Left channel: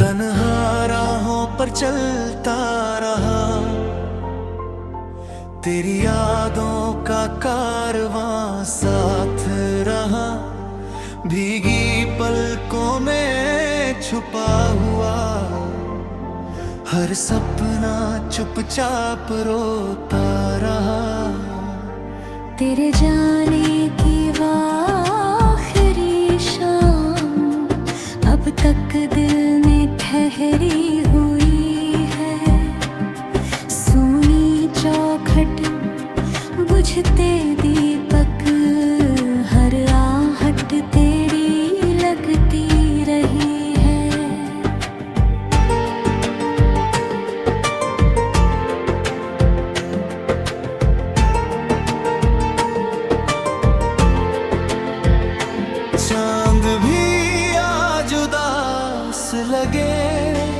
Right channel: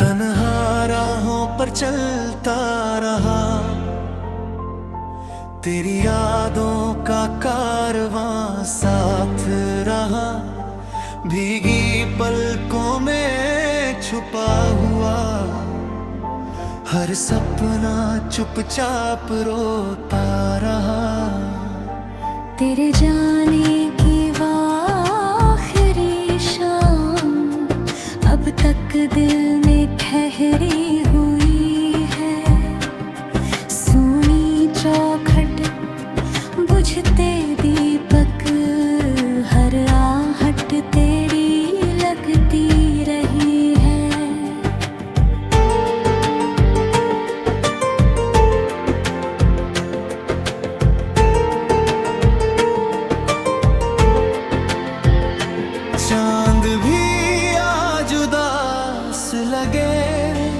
तन्हा राहों पर चलता रहा, तेरी यादों का कारवां साथ रहा। भीगी पलकों में छुपा हुआ हर सपना चुपचाप रोता रहा। तेरे जाने की आखिरी शाम अब तक दिल में ठहरी हुई है। सोनी चौखट बुझते दीपक, हर आहट तेरी लगती रही है। चांद भी आज उदास लगे रे,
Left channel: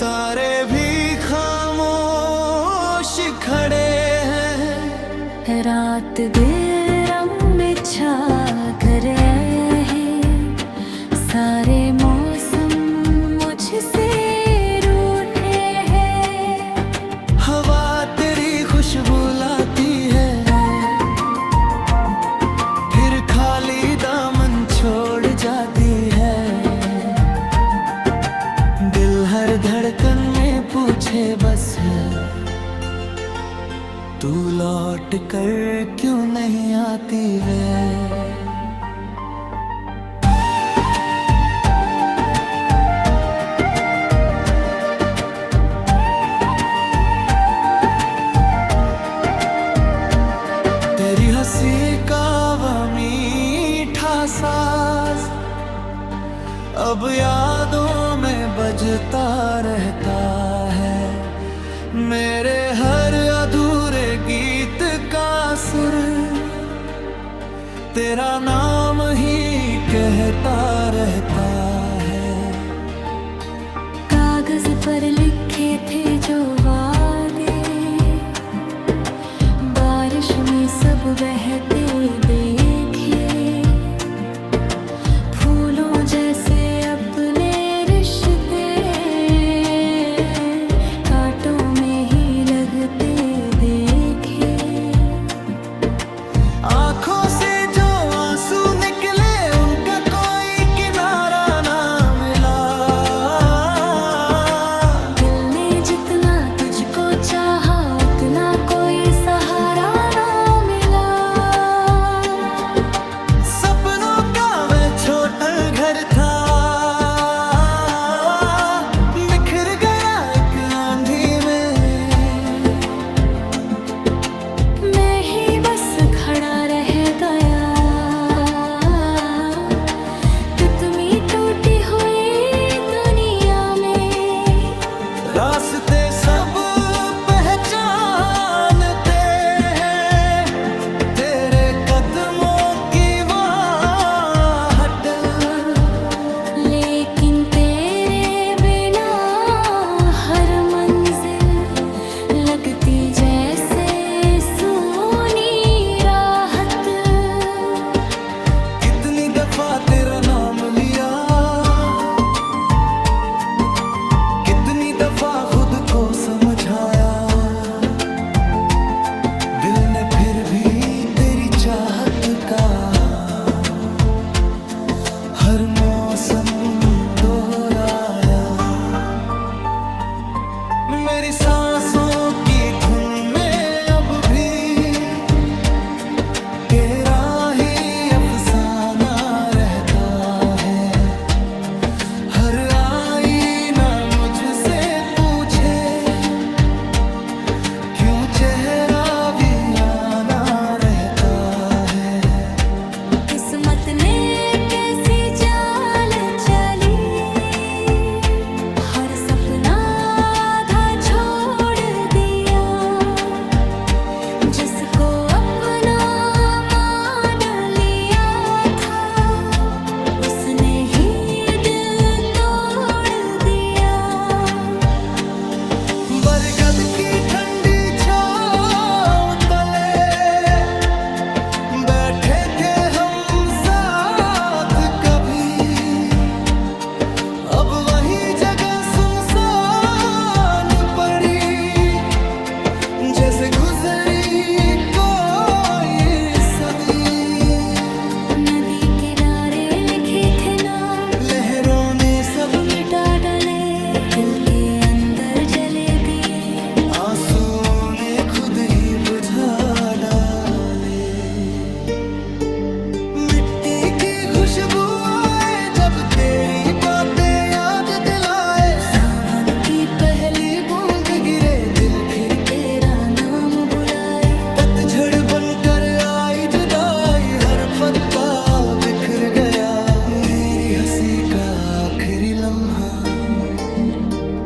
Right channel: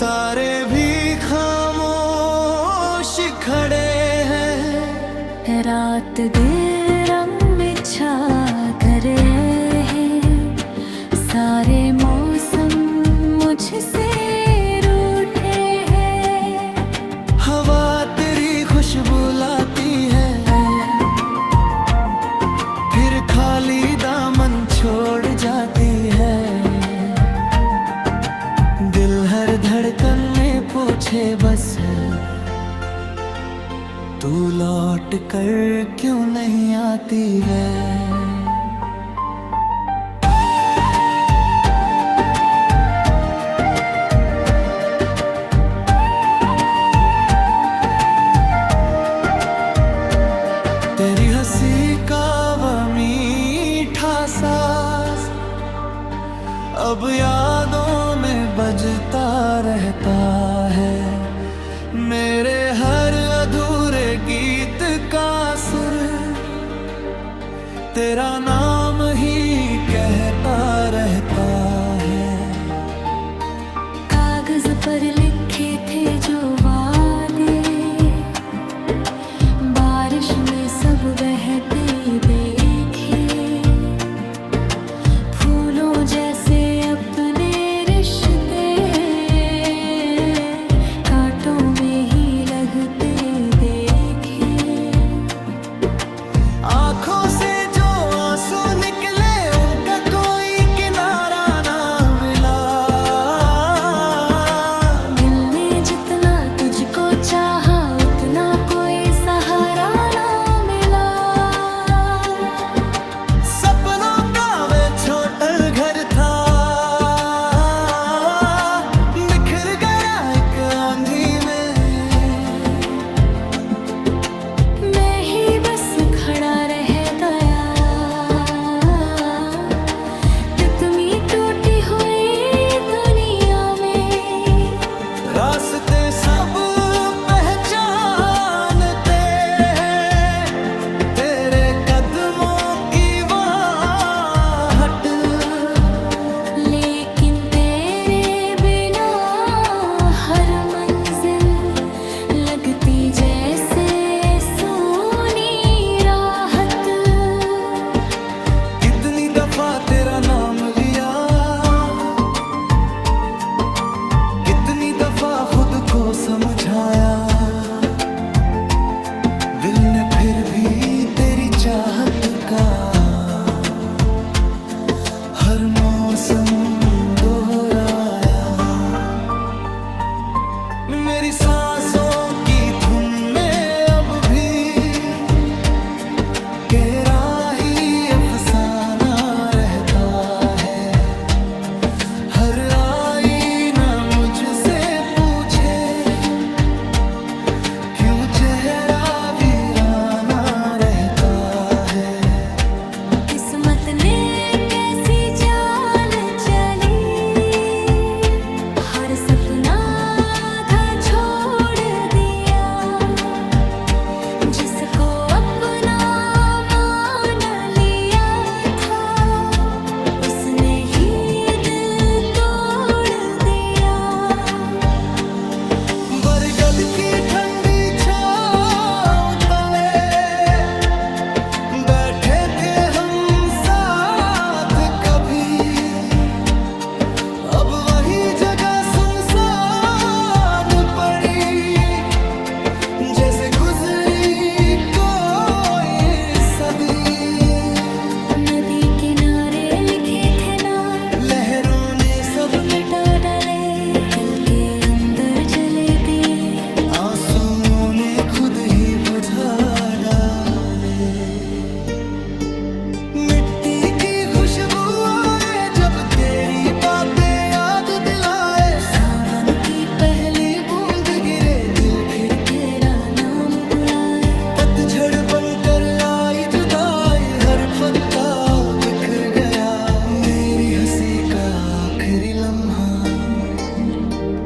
तारे भी खामोश खड़े हैं। रात दिल रंग में छा करे हैं, सारे मौसम मुझसे रूठे हैं। हवा तेरी खुशबू लाती है, फिर खाली दामन छोड़ जाती है। दिल हर धड़कन में पूछे बस, तू लौट कर क्यों नहीं आती वे। तेरी हंसी का वह मीठा साज अब यादों में बजता रहता है। मेरे हर अधूरे गीत का सुर तेरा नाम ही कहता रहता है। कागज पर लिखे थे जो वादे, बारिश में सब बहते देखे। फूलों जैसे अपने रिश्ते कांटों में ही लगते देखे। आंखों से जो आंसू निकले उनका कोई किनारा ना मिला। दिल ने जितना तुझको चाहा उतना कोई सहारा ना मिला। सपनों का वे छोटा घर था, बिखर गया एक आंधी में। मैं ही बस खड़ा रह गया, तितली टूटी हुई दुनिया में। रास्ते सब पहचानते हैं, तेरे कदमों की वाहट। लेकिन तेरे बिना हर मंजिल लगती जैसे सोनी राहत। कितनी दफा तेरा नाम लिया, कितनी दफा खुद को समझाया। दिल ने फिर भी तेरी चाहत का हर मौसम दोहराया। मेरी सांसों की धुन में अब भी तेरा ही अफसाना रहता है। हर आईना मुझसे पूछे क्यों चेहरा वीराना रहता है। किस्मत ने कैसी चाल चली, हर सपना आधा छोड़ दिया। जिसको अपना मान लिया था उसने ही दिल तोड़ दिया। बरगद की ठंडी छांव तले बैठे थे हम साथ कभी, अब वही से गुजरी कोई सदी, नदी किनारे लिखे थे नाम, लहरों ने सब मिटा डाले, दिल के अंदर जले दिए, आंसुओं ने खुद ही बुझा डाले। मिट्टी की खुशबू आए जब तेरी बातें याद दिलाए, सावन की पहली बूंद गिरे दिल फिर तेरा नाम बुलाए। पतझड़ बनकर आई जुदाई, हर पत्ता बिखर गया, मेरी हंसी का आखिरी लम्हा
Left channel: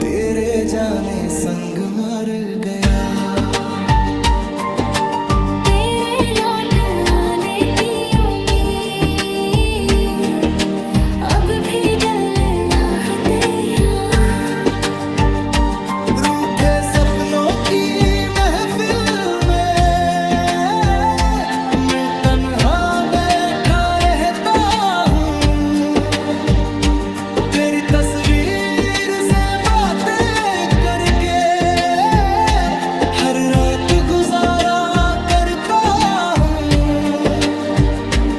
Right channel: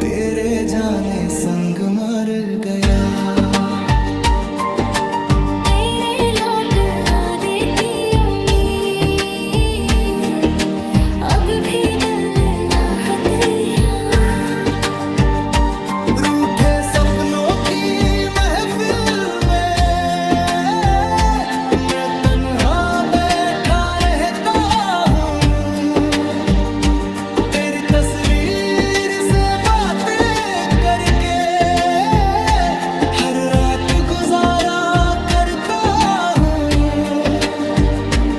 तेरे जाने संग मर गया। तेरे लौट आने की उम्मीद अब भी दिल आहत है। रूठे सपनों की महफिल में मैं तन्हा बैठा रहता हूँ, तेरी तस्वीर से बातें करके हर रात गुजारा करता हूँ।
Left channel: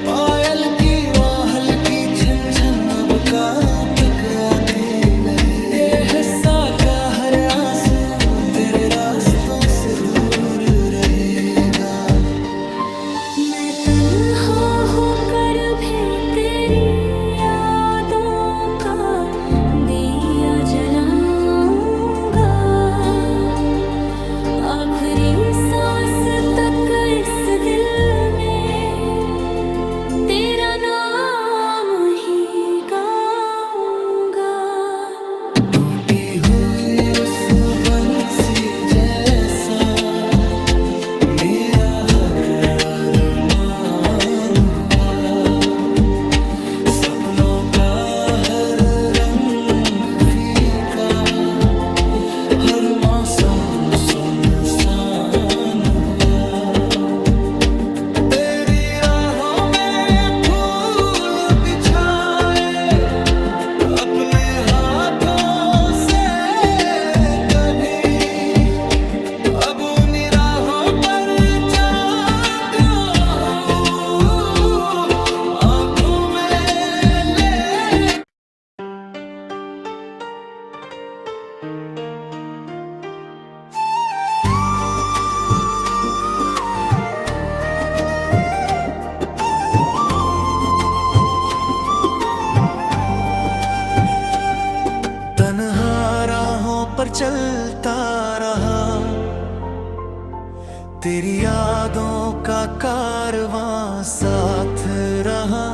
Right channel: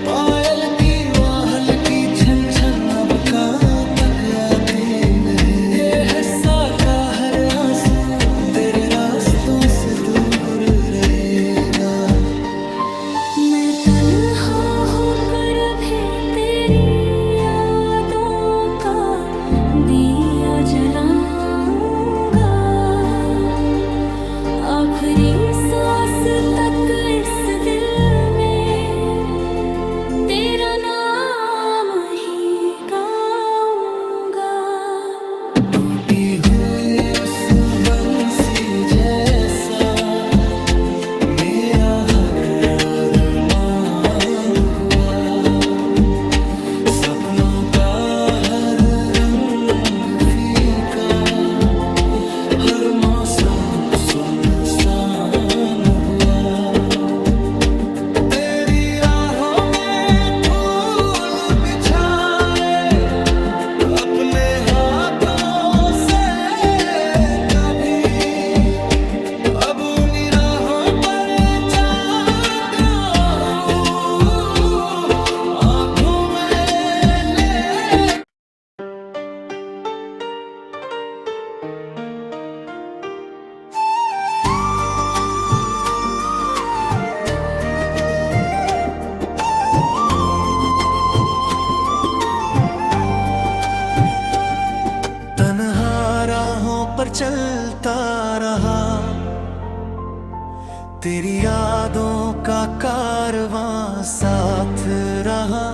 पायल की वाहल की छन छन अब कान तक आती रहे, ये हंसा का हर आंसू तेरे रास्तों से दूर रहेगा। मैं तन्हा होकर भी तेरी यादों का दिया जलाऊंगा, आखिरी सांस तक इस दिल में तेरा नाम ही गाऊंगा। टूटी हुई उस बंसी जैसा मेरा हर अरमान हुआ, सपनों का हर रंग फीका, हर मौसम सुनसान हुआ। तेरी राहों में फूल बिछाए अपने हाथों से कभी, अब उन्हीं राहों पर जाता हूँ आँखों में ले। तन्हा राहों पर चलता रहा, तेरी यादों का कारवां साथ रहा,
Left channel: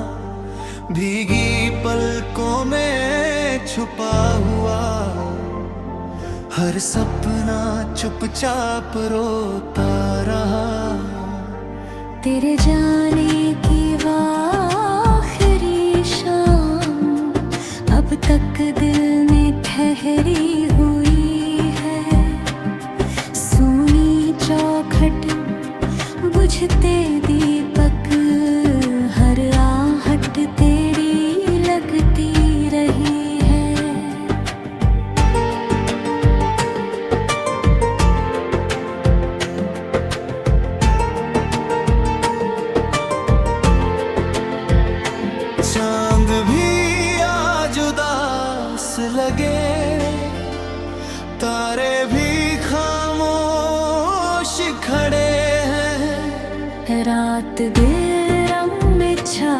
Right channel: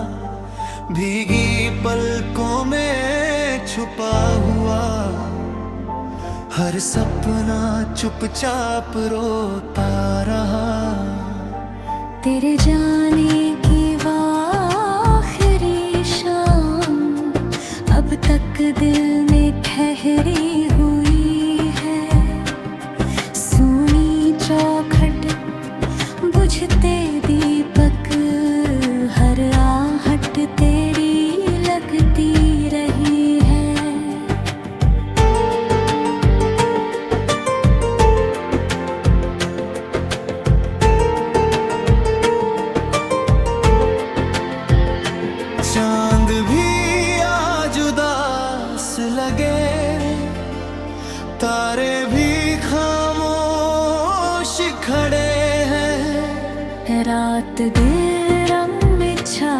भीगी पलकों में छुपा हुआ, हर सपना चुपचाप रोता रहा। तेरे जाने की आखिरी शाम अब तक दिल में ठहरी हुई है, सूनी चौखट बुझते दीपक, हर आहट तेरी लगती रही है। चांद भी आज उदास लगे रे, तारे भी खामोश खड़े हैं, रात बेरंग में छा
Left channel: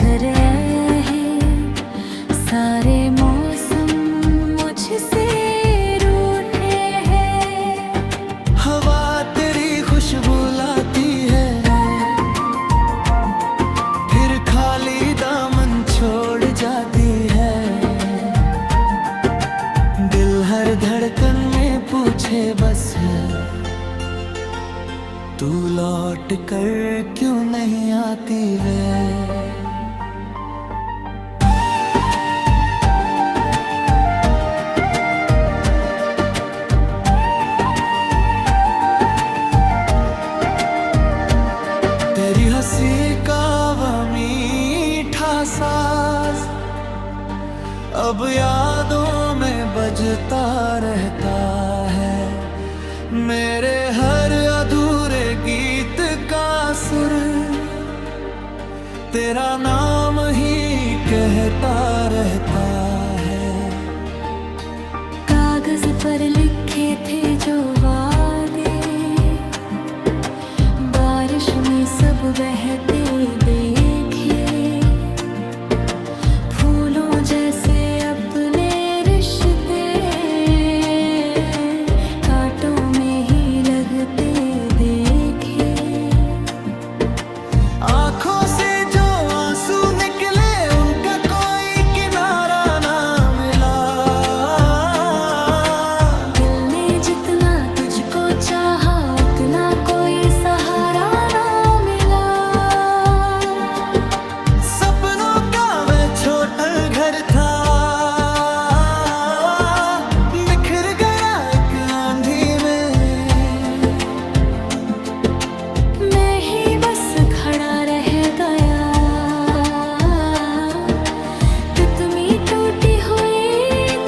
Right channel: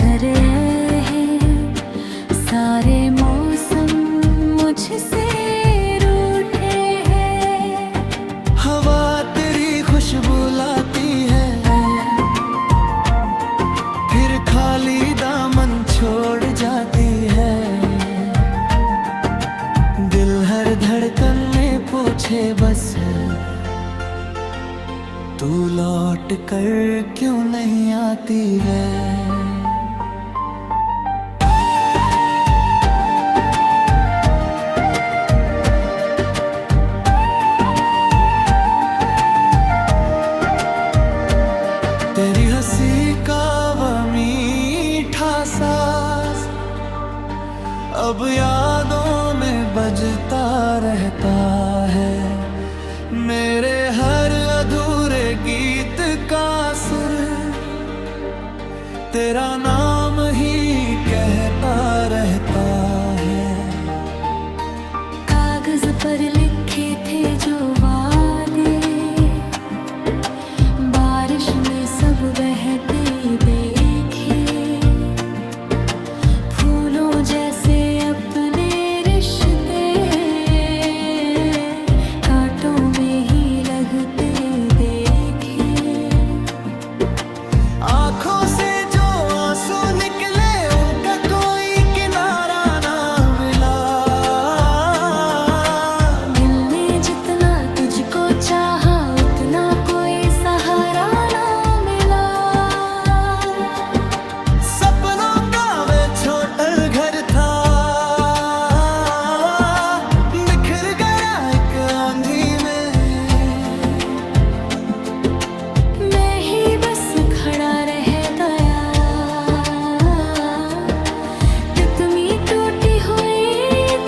कर है, सारे मौसम मुझसे रूठे हैं। हवा तेरी खुशबू लाती है, फिर खाली दामन छोड़ जाती है, दिल हर धड़कन में पूछे बस तू लौट कर क्यों नहीं आती वे। तेरी हंसी का वह मीठा साज अब यादों में बजता रहता है, मेरे हर का सुर तेरा नाम ही कहता रहता है। कागज पर लिखे थे जो वादे, बारिश में सब बहते देखे। फूलों जैसे अपने रिश्ते कांटों में ही लगते देखे। आंखों से जो आंसू निकले उनका कोई किनारा ना मिला। दिल ने जितना तुझको चाहा उतना कोई सहारा ना मिला। सपनों का वे छोटा घर था, बिखर गया एक आंधी में। मैं ही बस खड़ा रह गया, तितली टूटी हुई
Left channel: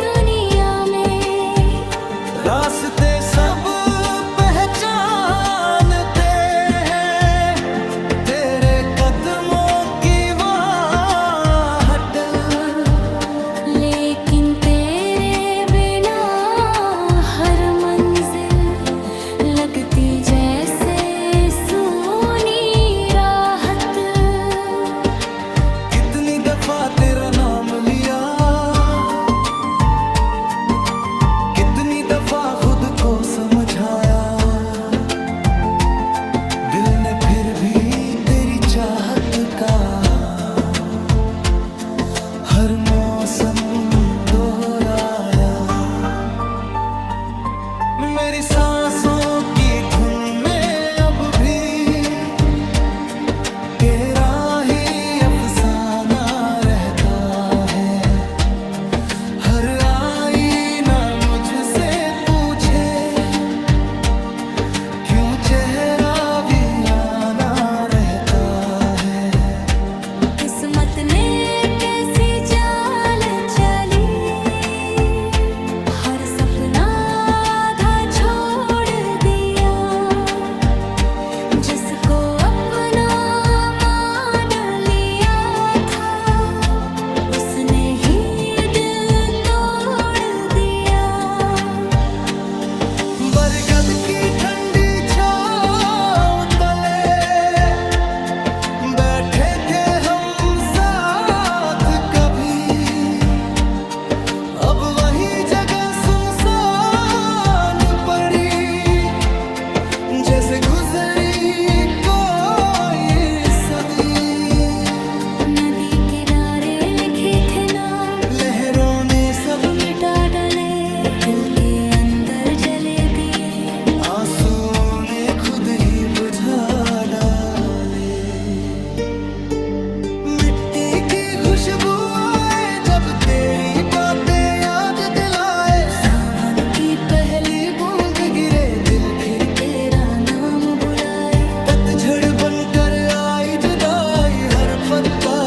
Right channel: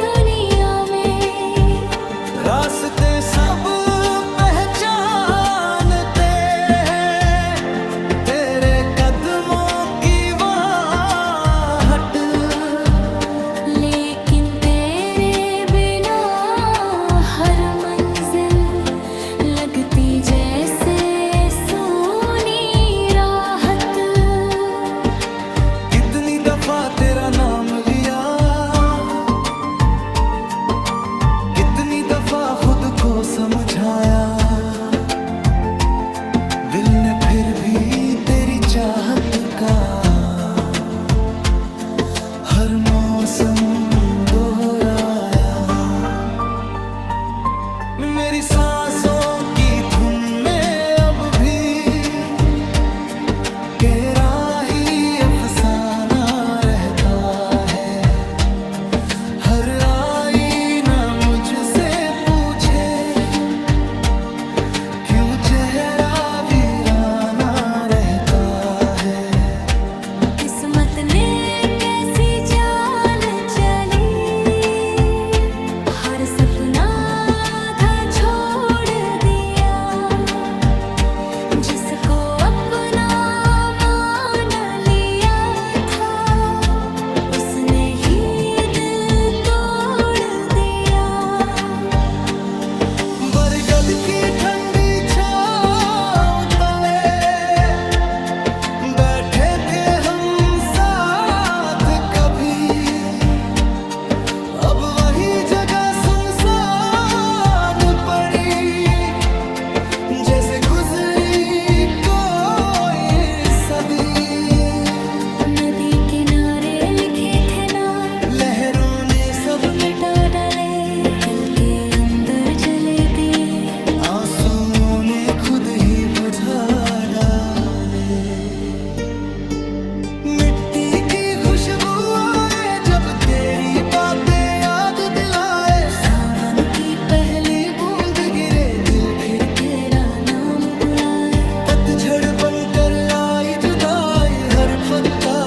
दुनिया में। रास्ते सब पहचानते हैं, तेरे कदमों की वाहट। लेकिन तेरे बिना हर मंजिल लगती जैसे सूनी राहत। कितनी दफा तेरा नाम लिया, कितनी दफा खुद को समझाया। दिल ने फिर भी तेरी चाहत का हर मौसम दोहराया। मेरी सांसों की धुन में अब भी तेरा ही अफसाना रहता है। हर आईना मुझसे पूछे क्यों चेहरा वीराना रहता है। किस्मत ने कैसी चाल चली, हर सपना आधा छोड़ दिया। जिसको अपना मान लिया था उसने ही दिल तोड़ दिया। बरगद की ठंडी छांव तले बैठे थे हम साथ कभी। अब वही जगह सुनसान पड़ी, जैसे गुजरी कोई सदी। नदी किनारे लिखे थे नाम, लहरों ने सब मिटा डाले। दिल के अंदर जले दिए, आंसुओं ने खुद ही बुझा डाले। मिट्टी की खुशबू आए जब तेरी बातें याद दिलाए। सावन की पहली बूंद गिरे दिल फिर तेरा नाम बुलाए। पतझड़ बनकर आई जुदाई, हर पत्ता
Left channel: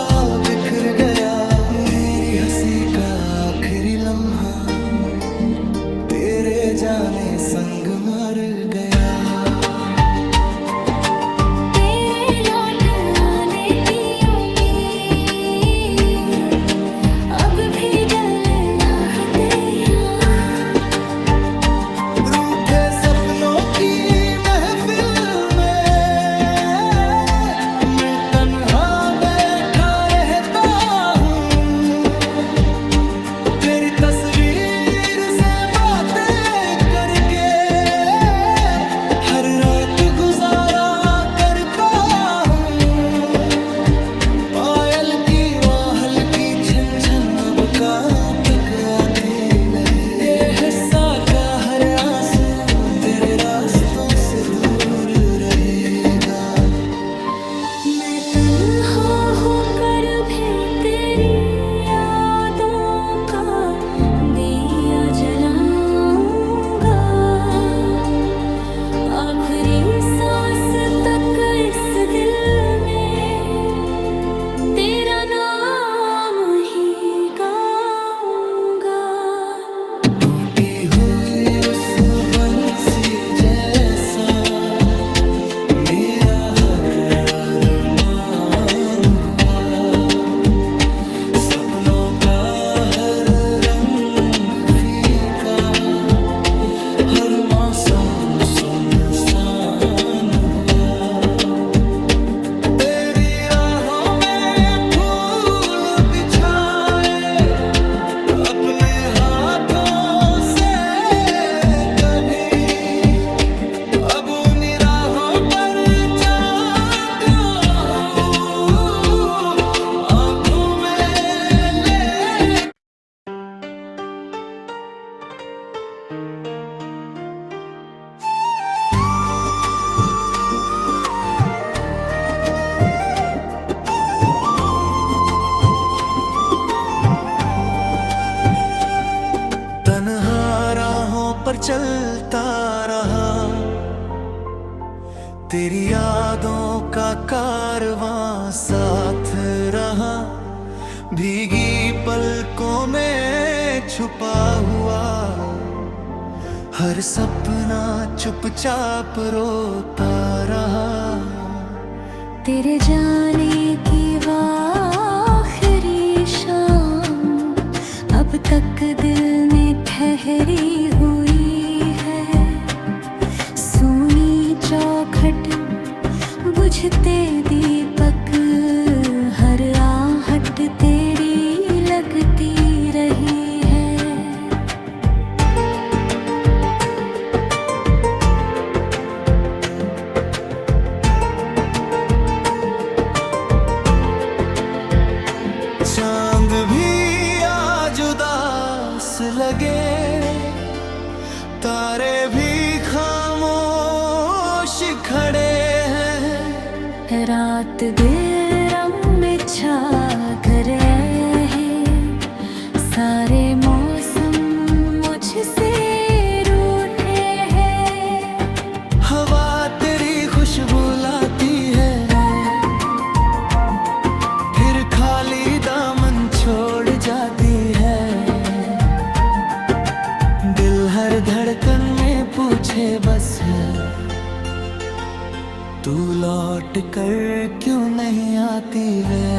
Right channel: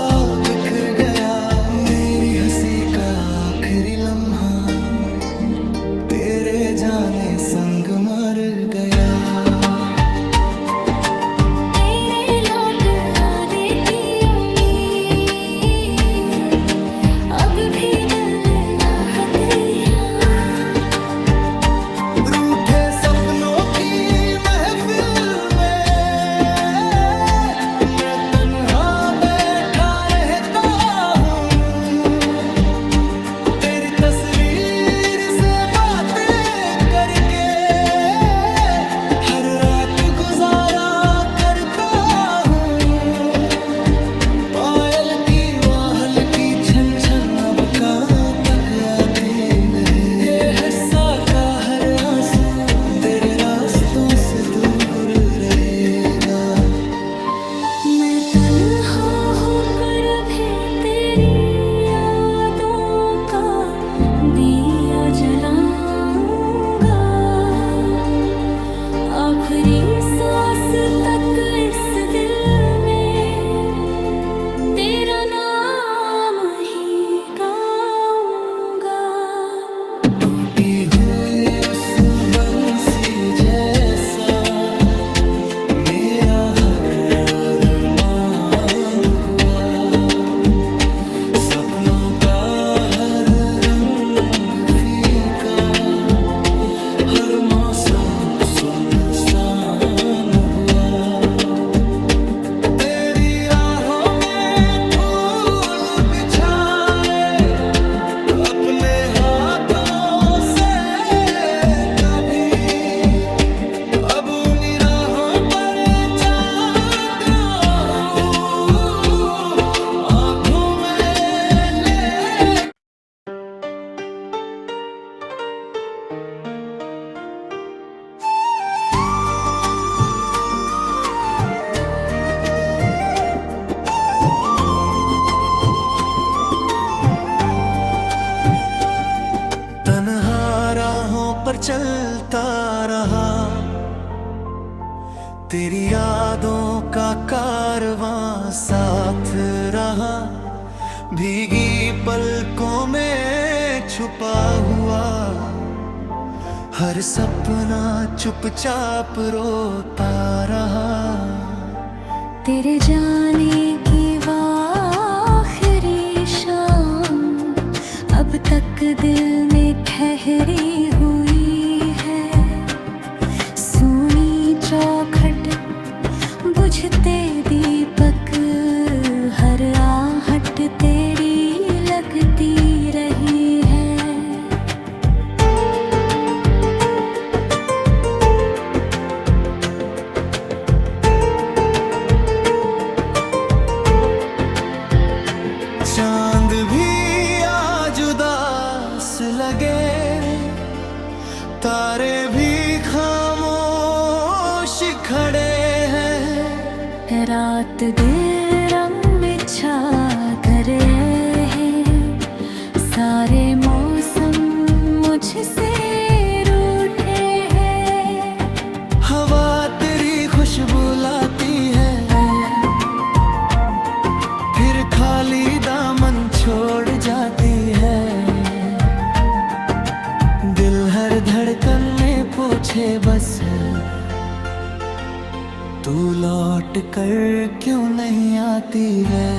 बिखर गया। मेरी हंसी का आखिरी लम्हा तेरे जाने संग मर गया। तेरे लौट आने की उम्मीद अब भी दिल आहते हैं। रूठे सपनों की महफिल में मैं तन्हा बैठा रहता हूँ। तेरी तस्वीर से बातें करके हर रात गुजारा करता हूँ। पायल की वाहल की छन छन अब कहाँ तक आती रहे। ये हंसा का हर आंसू तेरे रास्तों से दूर रहेगा। मैं तन्हा होकर भी तेरी यादों का दिया जलाऊंगा। आखिरी सांस तक इस दिल में तेरा नाम ही गाऊंगा। टूटी हुई उस बंसी जैसा मेरा का हर रंग फीका, हर मौसम सुनसान हुआ। तेरी राहों में फूल बिछाए अपने हाथों से कभी, अब उन्हीं राहों पर जाता हूँ आँखों में ले। तन्हा राहों पर चलता रहा, तेरी यादों का कारवां साथ रहा। भीगी पलकों में छुपा हुआ हर सपना चुपचाप रोता रहा। तेरे जाने की आखिरी शाम अब तक दिल में ठहरी हुई है। सूनी चौखट बुझते दीपक, हर आहट तेरी लगती रही है। चांद भी आज उदास लगे रे, तारे भी खामोश खड़े हैं। रात दिल रंग में छा करे हैं, सारे मौसम मुझसे रूठे हैं। हवा तेरी खुशबू लाती है, फिर खाली दामन छोड़ जाती है। दिल हर धड़कन में पूछे बस, तू लौट कर क्यों नहीं आती वे।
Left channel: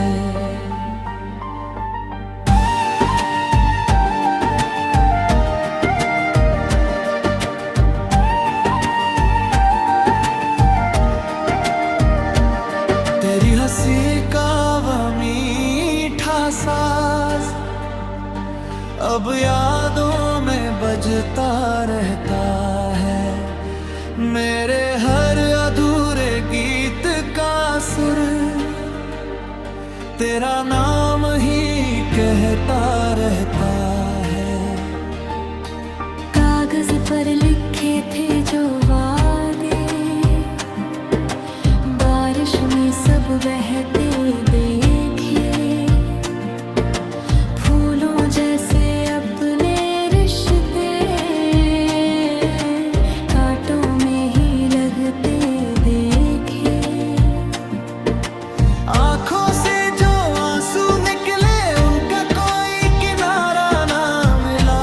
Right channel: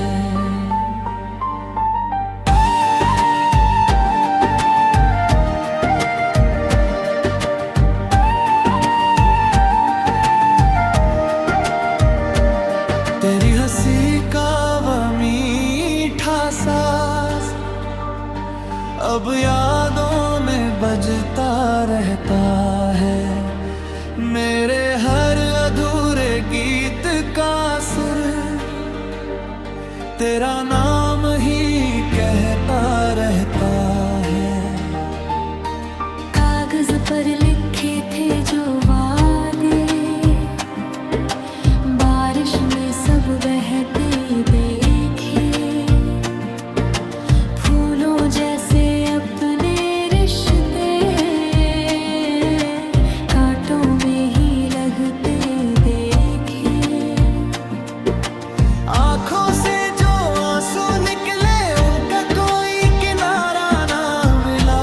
तेरी हंसी का वह मीठा साज अब यादों में बजता रहता है। मेरे हर अधूरे गीत का सुर तेरा नाम ही कहता रहता है। कागज पर लिखे थे जो वादे, बारिश में सब बहते देखे। फूलों जैसे अपने रिश्ते कांटों में ही लगते देखे। आंखों से जो आंसू निकले उनका कोई किनारा ना मिला।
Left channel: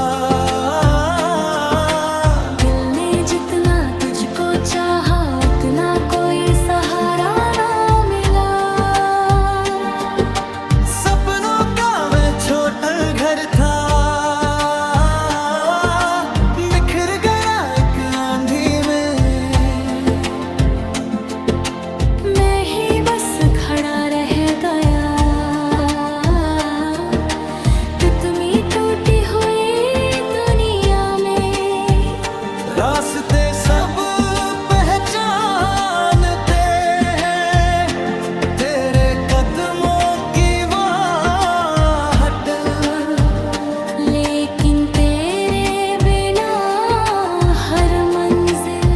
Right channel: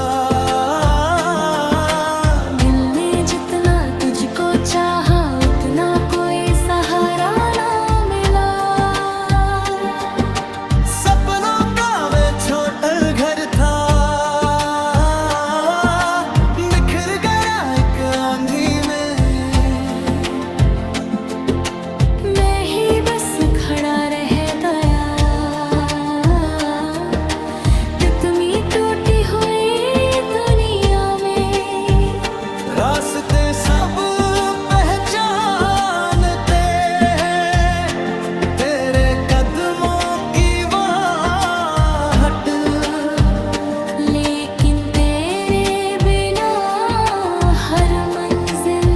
दिल ने जितना तुझको चाहा उतना कोई सहारा ना मिला। सपनों का वे छोटा घर था, बिखर गया एक आंधी में। मैं ही बस खड़ा रह गया, तितली टूटी हुई दुनिया में। रास्ते सब पहचानते हैं, तेरे कदमों की वाहट। लेकिन तेरे बिना हर मंजिल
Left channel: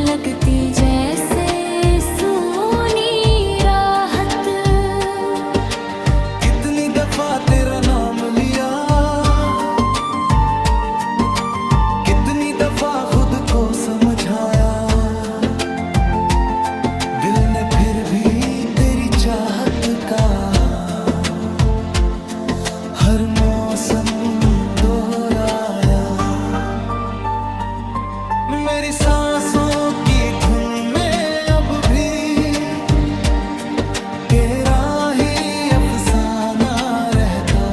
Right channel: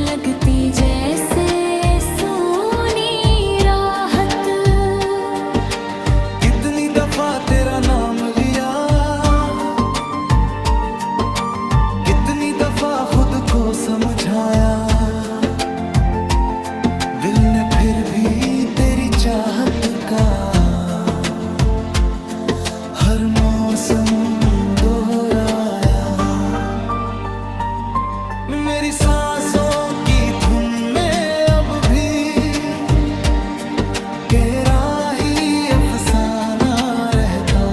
लगती जैसे सूनी राहत। कितनी दफा तेरा नाम लिया, कितनी दफा खुद को समझाया। दिल ने फिर भी तेरी चाहत का हर मौसम दोहराया। मेरी सांसों की धुन में अब भी तेरा ही अफसाना रहता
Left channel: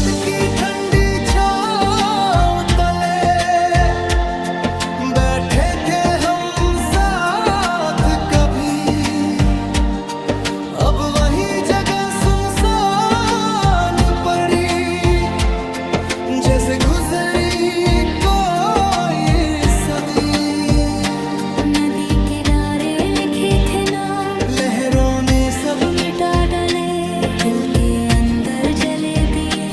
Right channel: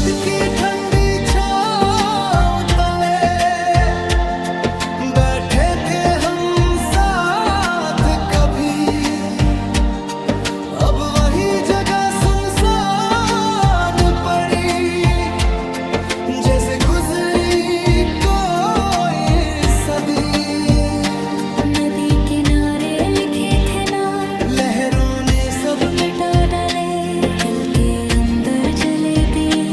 सरहद की ठंडी छांव तले बैठे थे हम साथ कभी। अब वही जगह सुनसान पड़ी, जैसे गुजरी कोई सदी। नदी किनारे लिखे थे नाम, लहरों ने सब मिटा डाले, दिल के अंदर जले दिए,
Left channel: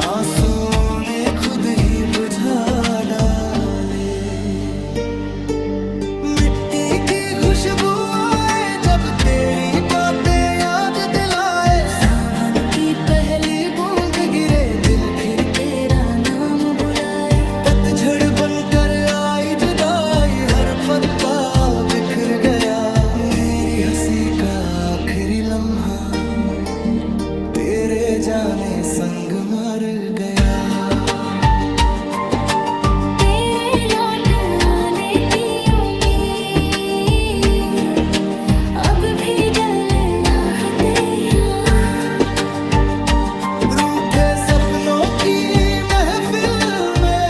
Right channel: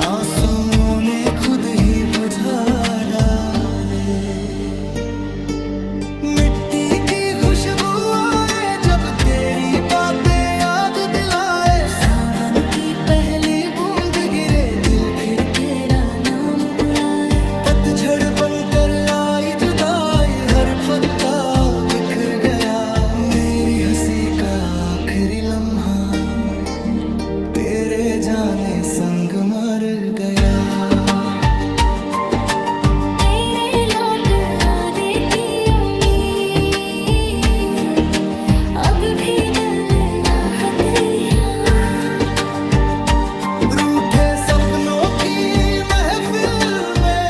आंसुओं ने खुद ही बुझा डाले। मिट्टी की खुशबू आए जब तेरी बातें याद दिलाए, सावन की पहली बूंद गिरे दिल फिर तेरा नाम बुलाए। पतझड़ बनकर आई जुदाई, हर पत्ता बिखर गया, मेरी हंसी का आखिरी लम्हा तेरे जाने संग मर गया। तेरे लौट आने की उम्मीद अब भी दिल आहते हैं। रूठे सपनों की महफिल में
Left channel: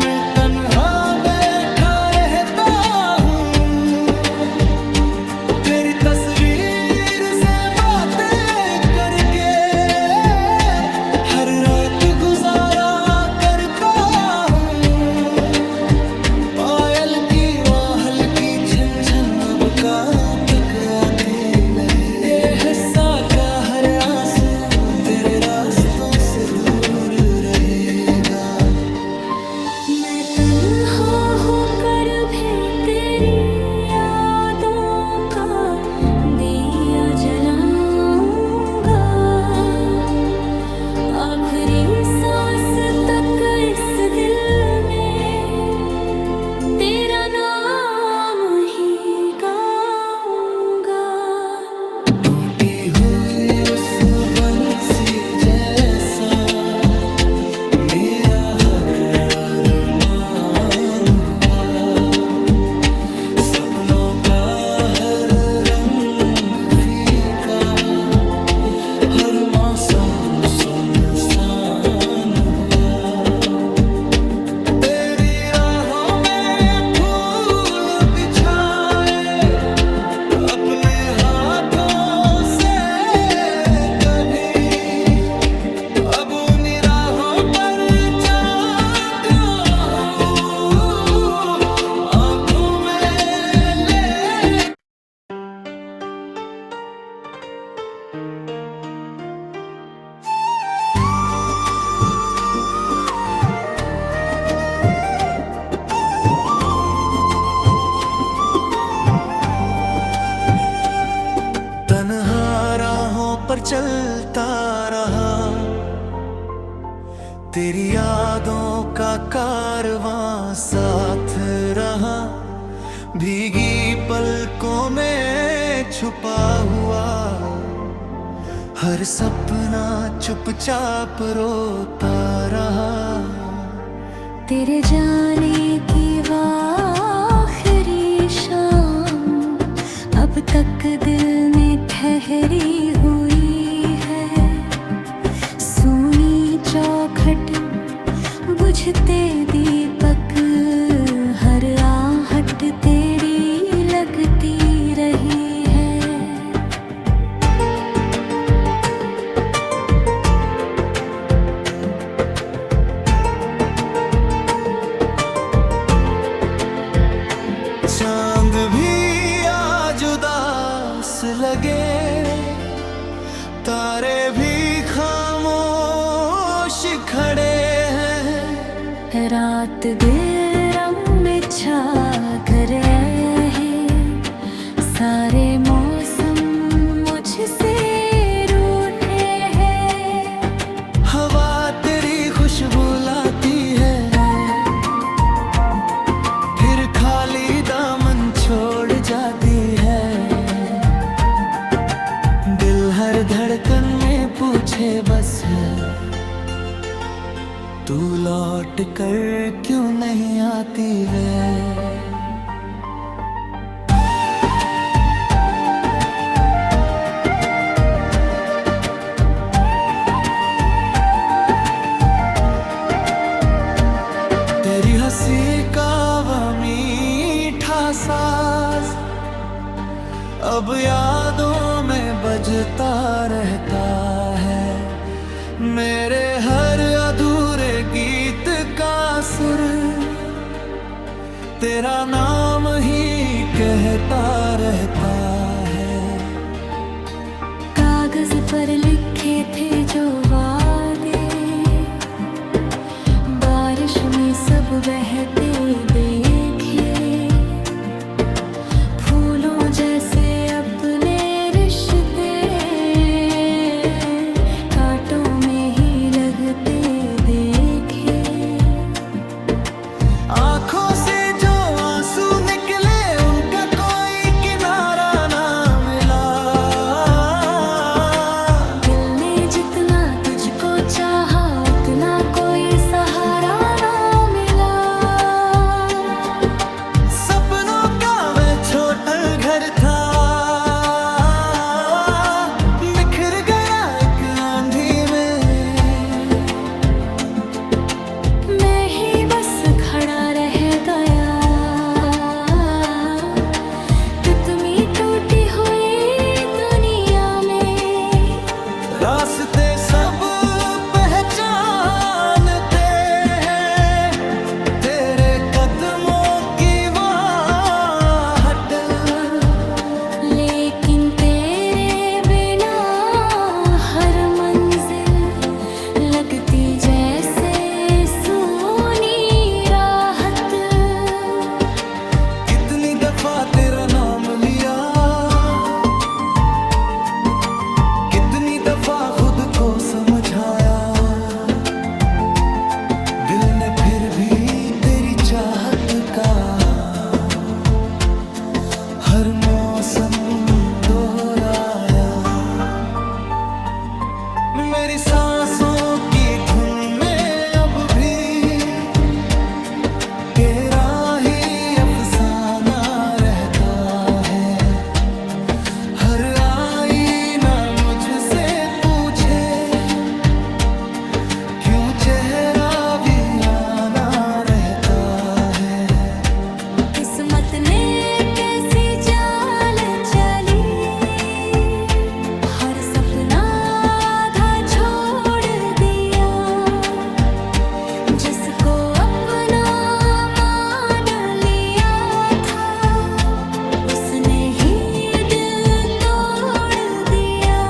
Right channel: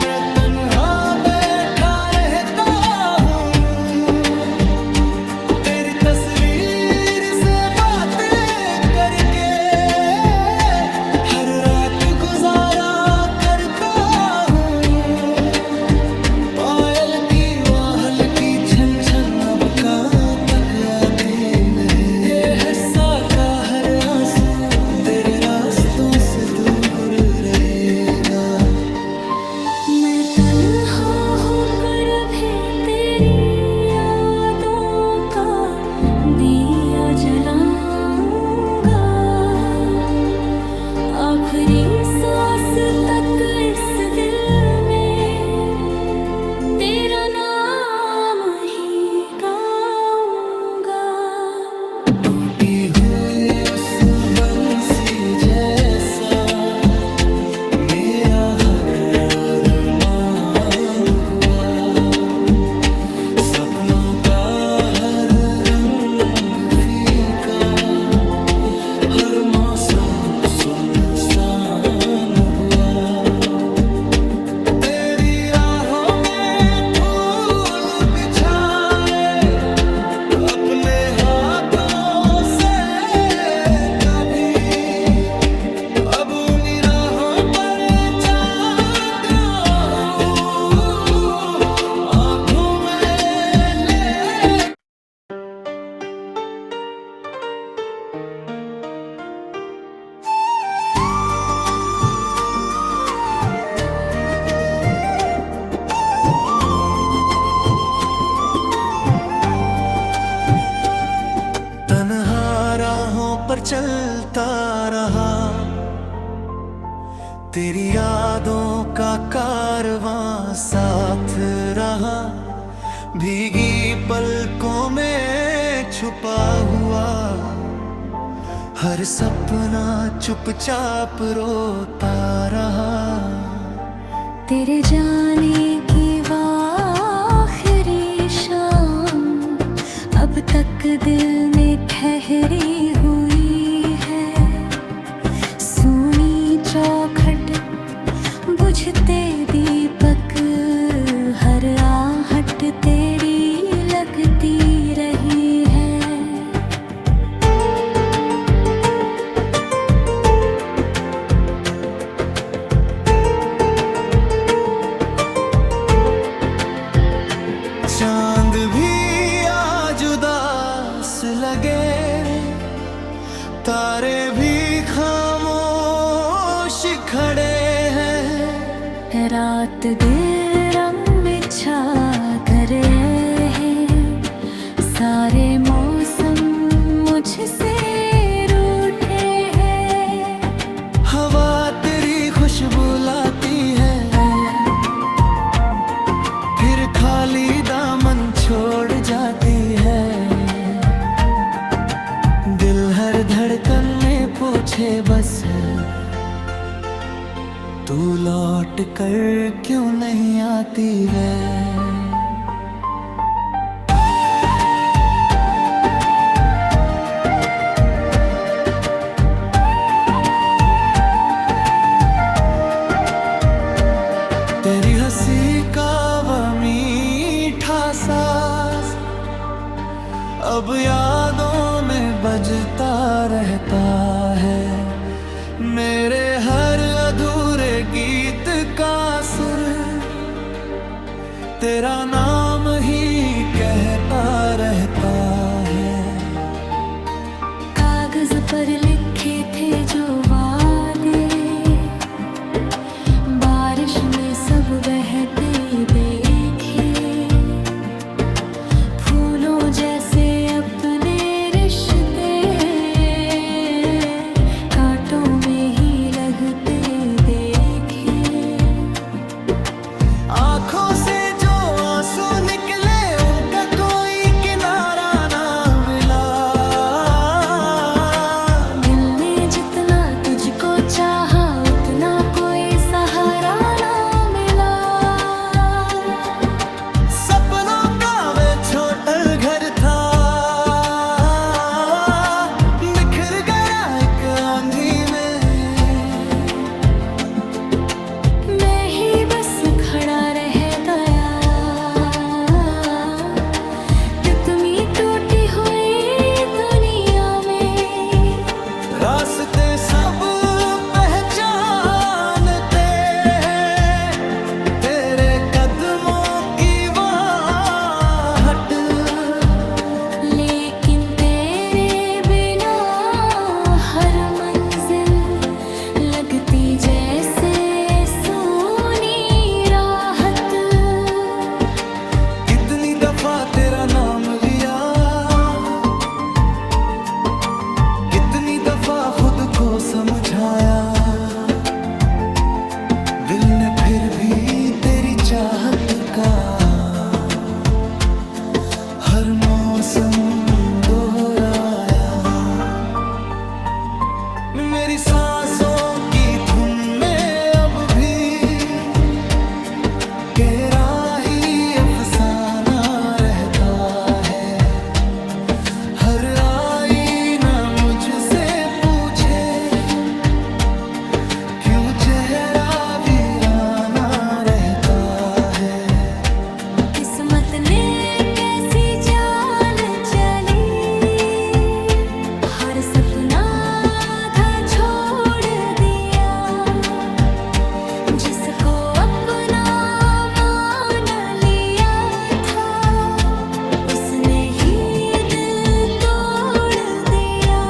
मैं तन्हा बैठा रहता हूँ, तेरी तस्वीर से बातें करके हर रात गुजारा करता हूँ। पायल की वाहल की छन छन अब कहाँ तक आती रहे, ये हंसा का हर आंसू तेरे रास्तों से दूर रहेगा। मैं तन्हा होकर भी तेरी यादों का दिया जलाऊंगा, आखिरी सांस तक इस दिल में तेरा नाम ही गाऊंगा। टूटी हुई उस बंसी जैसा मेरा हर अरमान हुआ, सपनों का हर रंग फीका, हर मौसम सुनसान हुआ। तेरी राहों में फूल बिछाए अपने हाथों से कभी, अब उन्हीं राहों पर जाता हूँ आँखों में ले। तन्हा राहों पर चलता रहा, तेरी यादों का कारवां साथ रहा, भीगी पलकों में छुपा हुआ, हर सपना चुपचाप रोता रहा। तेरे जाने की आखिरी शाम अब तक दिल में ठहरी हुई है, सोनी चौखट बुझते दीपक, हर आहट तेरी लगती रही है। चांद भी आज उदास लगे रे, तारे भी खामोश खड़े हैं, रात दिल रंग में छा करे हैं, सारे मौसम मुझसे रूठे हैं। हवा तेरी खुशबू लाती है, फिर खाली दामन छोड़ जाती है, दिल हर धड़कन में पूछे बस तू लौट कर क्यों नहीं आती वे। साज अब यादों में बजता रहता है। मेरे हर अधूरे गीत का सुर तेरा नाम ही कहता रहता है। कागज पर लिखे थे जो वादे, बारिश में सब बहते देखे। फूलों जैसे अपने रिश्ते कांटों में ही लगते देखे। आंखों से जो आंसू निकले उनका कोई किनारा ना मिला। दिल ने जितना तुझको चाहा उतना कोई सहारा ना मिला। सपनों का वे छोटा घर था, बिखर गया एक आंधी में। मैं ही बस खड़ा रह गया, तितली टूटी हुई दुनिया में। रास्ते सब पहचानते हैं, तेरे कदमों की वाहट। लेकिन तेरे बिना हर मंजिल लगती जैसे सोनी राहत। कितनी दफा तेरा नाम लिया, कितनी दफा खुद को समझाया। दिल ने फिर भी तेरी चाहत का हर मौसम दोहराया। मेरी सांसों की धुन में अब भी तेरा ही अफसाना रहता है। हर आईना मुझसे पूछे क्यों चेहरा वीराना रहता है। किस्मत ने कैसी चाल चली, हर सपना आधा छोड़ दिया। जिसको अपना मान लिया था उसने ही दिल तोड़ दिया।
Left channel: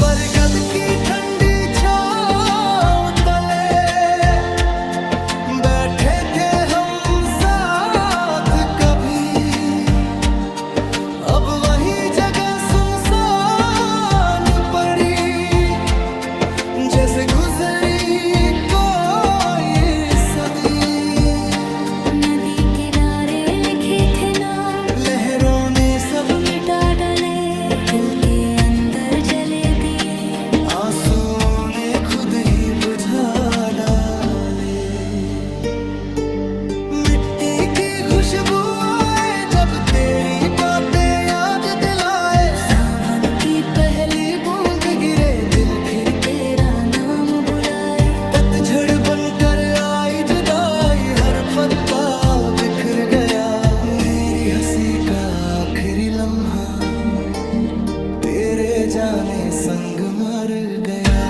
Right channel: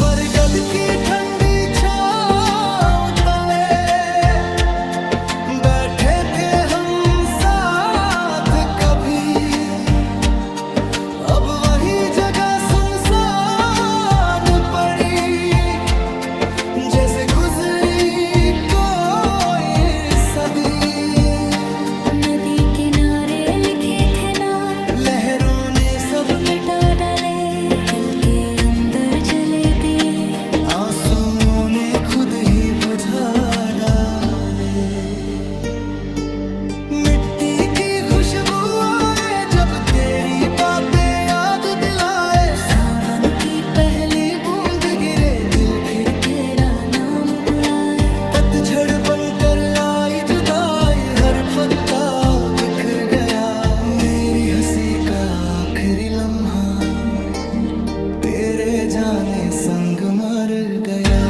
बरगद की ठंडी छांव तले बैठे थे हम साथ कभी। अब वही जगह सुनसान पड़ी, जैसे गुजरी कोई सदी। नदी किनारे लिखे थे नाम, लहरों ने सब मिटा डाले। दिल के अंदर जले दिए, आंसुओं ने खुद ही बुझा डाले। मिट्टी की खुशबू आए जब तेरी बातें याद दिलाए। सावन की पहली बूंद गिरे दिल फिर तेरा नाम बुलाए। पतझड़ बनकर आई जुदाई, हर पत्ता बिखर गया। मेरी हंसी का आखिरी लम्हा तेरे जाने संग मर गया।